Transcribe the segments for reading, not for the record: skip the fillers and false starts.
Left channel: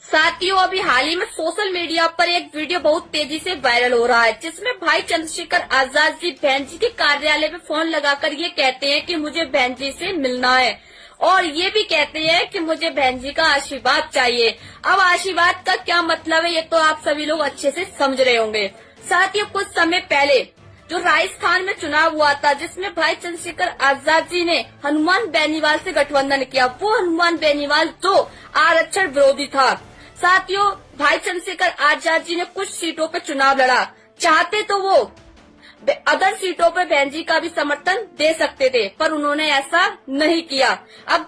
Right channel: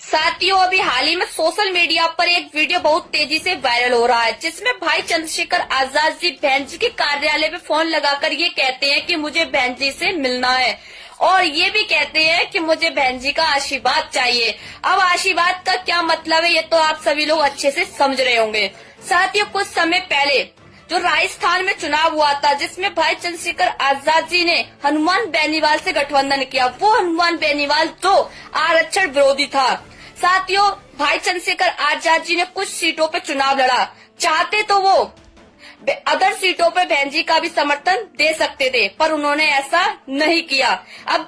साथियों, अभी हाल ही में सोशल मीडिया पर एक वीडियो बहुत तेजी से वायरल हो रहा है, जिसमें भाई चंद्रशेखर आजाद जी बहन जी के कार्यालय में फोन लगाकर ये कहते हैं कि मुझे बहन जी से मिलना है और ये भी कहते हैं कि मुझे बहन जी का आशीर्वाद चाहिए। अब आशीर्वाद का क्या मतलब है, ये तो आप सभी लोग अच्छे से समझ रहे होंगे। साथियों, कुछ समय पहले जो राजस्थान में चुनाव हुआ था, जिसमें भाई चंद्रशेखर आजाद जी ने हनुमान बेनीवाल से गठबंधन किया, वो हनुमान बेनीवाल जो आरक्षण विरोधी था। साथियों, भाई चंद्रशेखर आजाद जी ने कुछ सीटों पर चुनाव लड़ा, चाहते तो वो अदर सीटों पर बहन जी का भी समर्थन दे सकते थे, पर उन्होंने ऐसा नहीं किया। अब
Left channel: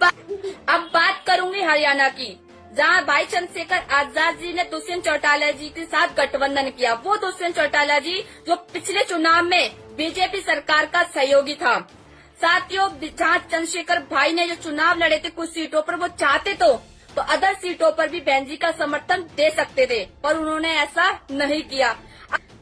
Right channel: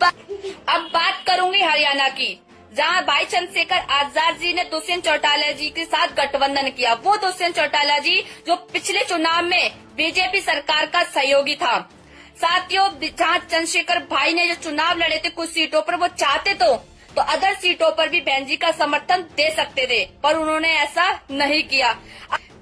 बात करूंगी हरियाणा की, जहां भाई चंद्रशेखर आजाद जी ने दुष्यंत चौटाला जी के साथ गठबंधन किया। वो दुष्यंत चौटाला जी जो पिछले चुनाव में बीजेपी सरकार का सहयोगी था। साथियों, जहां चंद्रशेखर भाई ने जो चुनाव लड़े थे कुछ सीटों पर, वो चाहते तो अदर सीटों पर भी बहन जी का समर्थन दे सकते थे, पर उन्होंने ऐसा नहीं किया।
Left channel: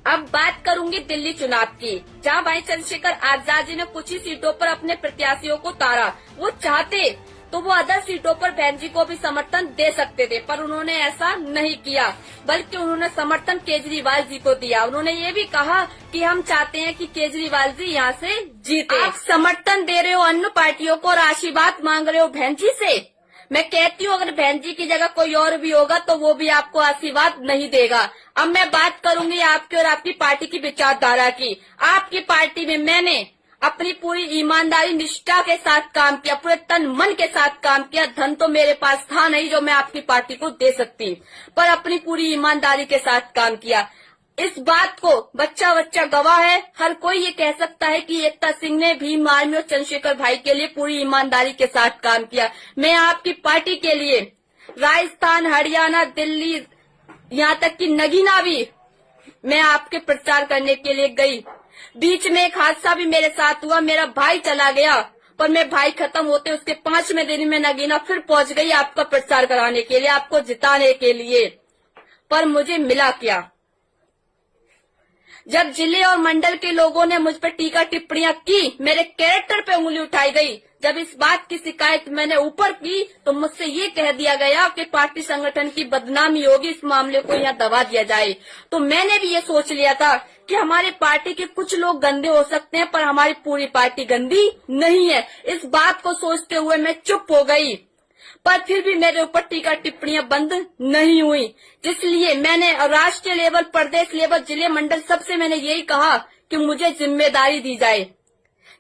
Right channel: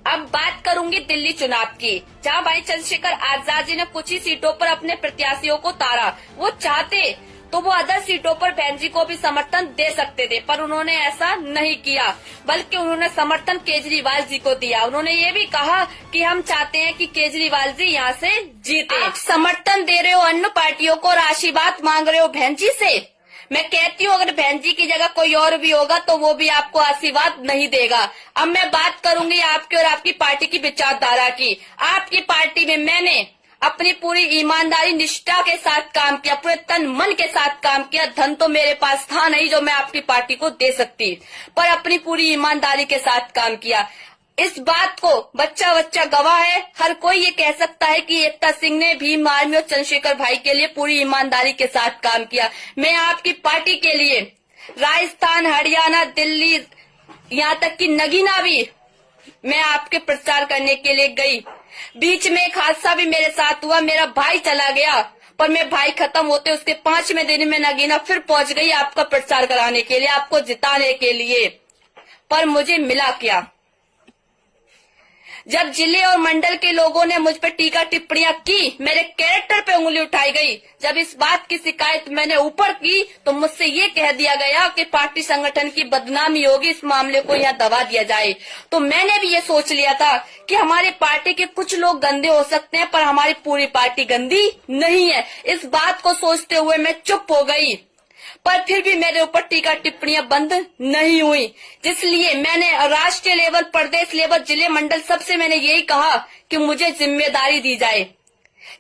अब बात करूंगी दिल्ली चुनाव की, जहां भाई चंद्रशेखर आजाद जी ने कुछ ही सीटों पर अपने प्रत्याशियों को तारा। वो चाहते तो वो अदर सीटों पर बहन जी को भी समर्थन दे सकते थे, पर उन्होंने ऐसा नहीं किया, बल्कि उन्होंने समर्थन केजरीवाल जी को दिया। उन्होंने ये भी कहा कि हम चाहते हैं कि केजरीवाल जी यहाँ से जीते। आप समर्थन दे रहे हो अन्य पार्टियों को और आशीर्वाद मांग रहे हो बहन जी से। मैं कहती हूँ, अगर बहन जी की जगह कोई और भी होगा तो वो भी आपको आशीर्वाद नहीं देगा। अब मैं बात करूंगी आपकी और आपकी पार्टी की विचारधारा की। आपकी पार्टी में मैंने अपनी पूरी ईमानदारी निष्ठा के साथ काम किया, पूरे तन मन के साथ काम किया। धन तो मेरे पास था नहीं जो मैं आपकी पार्टी को दे सकती, पर अपनी पूरी ईमानदारी के साथ काम किया। इस बात को बच्चा बच्चा गवाह है। हर कोई ये कह सकता है कि एकता सिंह ने भीम आर्मी और चंद्रशेखर भाई के लिए पूरी ईमानदारी के साथ काम किया। मैं आपकी पार्टी के लिए राजस्थान, हरियाणा, दिल्ली, यहाँ तक कि नगीना भी मैं आपके प्रचार करने के लिए गई। बीच में एक हादसा भी मेरे साथ हुआ, मेरा भाई चला गया, पर मैं भाई खत्म होते उसके 5वें दिन में नगीना फिर पहुंच गई आपका प्रचार कराने के लिए, आपको जिताने के लिए। पर मुझे मिला क्या? जब जिले और मंडल के लोगों ने मुझ पर टीका टिप्पणियां की, मेरे कैरेक्टर पे उंगली उठाई गई। जब इस बात की शिकायत मैंने ऊपर की तो मुझसे ये कह दिया गया कि पार्टी संगठन की बदनामी होगी, इस मामले को यहाँ दबा दिया जाए। तो मैंने भी ये सोच लिया था कि हमारी पार्टी के कुछ लोग गंदे हो सकते हैं, पर हमारी पूरी पार्टी गंदी नहीं है। इस बात को सोचते हुए मैं चुप हो गई, पर फिर भी मेरे ऊपर टीका टिप्पणियां बंद नहीं हुई। इसलिए मैंने राष्ट्रीय लेवल, प्रदेश लेवल, जिले, मंडल सबसे मैंने यही कहा कि मुझे जिम्मेदारी दी जाए,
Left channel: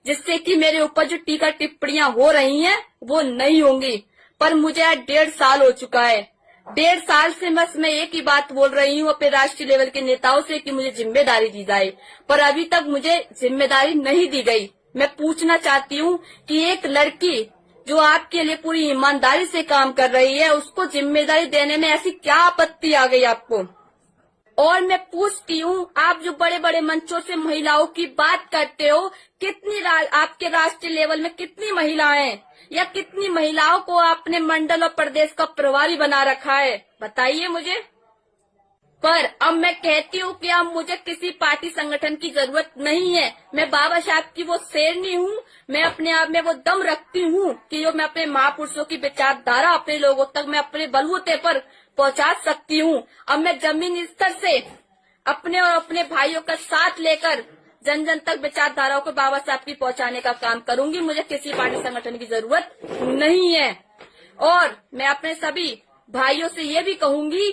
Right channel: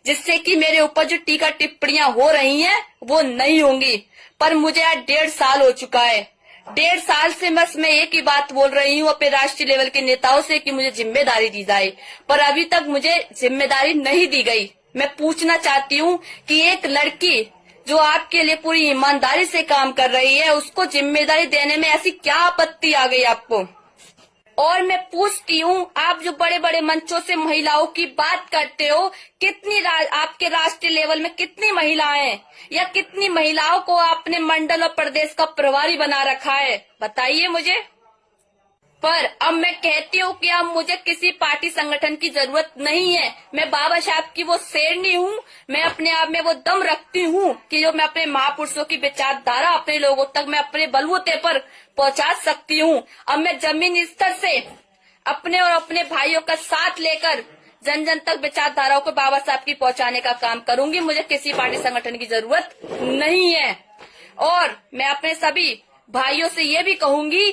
जिससे कि मेरे ऊपर जो टीका टिप्पणियां हो रही हैं वो नहीं होंगी। पर मुझे आज 1.5 साल हो चुका है। 1.5 साल से बस मैं एक ही बात बोल रही हूँ अपने राष्ट्रीय लेवल के नेताओं से कि मुझे जिम्मेदारी दी जाए, पर अभी तक मुझे जिम्मेदारी नहीं दी गई। मैं पूछना चाहती हूँ कि एक लड़की जो आपके लिए पूरी ईमानदारी से काम कर रही है, उसको जिम्मेदारी देने में ऐसी क्या आपत्ति आ गई आपको? और मैं पूछती हूँ, आप जो बड़े बड़े मंचों से महिलाओं की बात करते हो, कितनी आपके राष्ट्रीय लेवल में कितनी महिलाएं हैं, या कितनी महिलाओं को आपने मंडल और प्रदेश का प्रभारी बना रखा है, बताइए मुझे। पर अब मैं कहती हूँ कि अब मुझे किसी पार्टी संगठन की जरूरत नहीं है। मैं बाबा साहब की वो शेरनी हूँ। मैं अपने आप में वो दम रखती हूँ कि जो मैं अपने महापुरुषों की विचारधारा अपने लोगों तक मैं अपने बलबूते पर पहुँचा सकती हूँ। अब मैं जमीन स्तर से अपने और अपने भाइयों का साथ लेकर जन जन तक विचारधाराओं को बाबा साहब की पहुँचाने का काम करूंगी। मुझे किसी पार्टी संगठन की जरूरत नहीं है। और मैं अपने सभी भाइयों से ये भी कहूंगी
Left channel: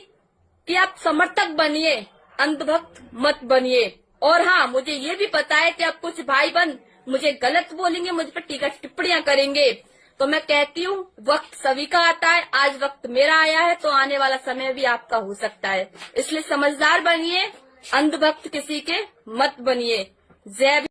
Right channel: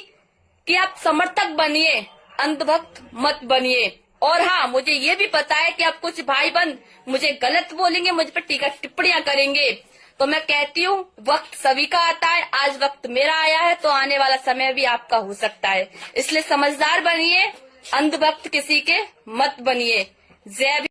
कि आप समर्थक बनिए, अंधभक्त मत बनिए। और हाँ, मुझे ये भी पता है कि आप कुछ भाई बन मुझे गलत बोलेंगे, मुझ पर टीका टिप्पणियां करेंगे, तो मैं कहती हूँ वक्त सभी का आता है। आज वक्त मेरा आया है तो आने वाला समय भी आपका हो सकता है। इसलिए समझदार बनिए, अंधभक्त किसी के मत बनिए। जय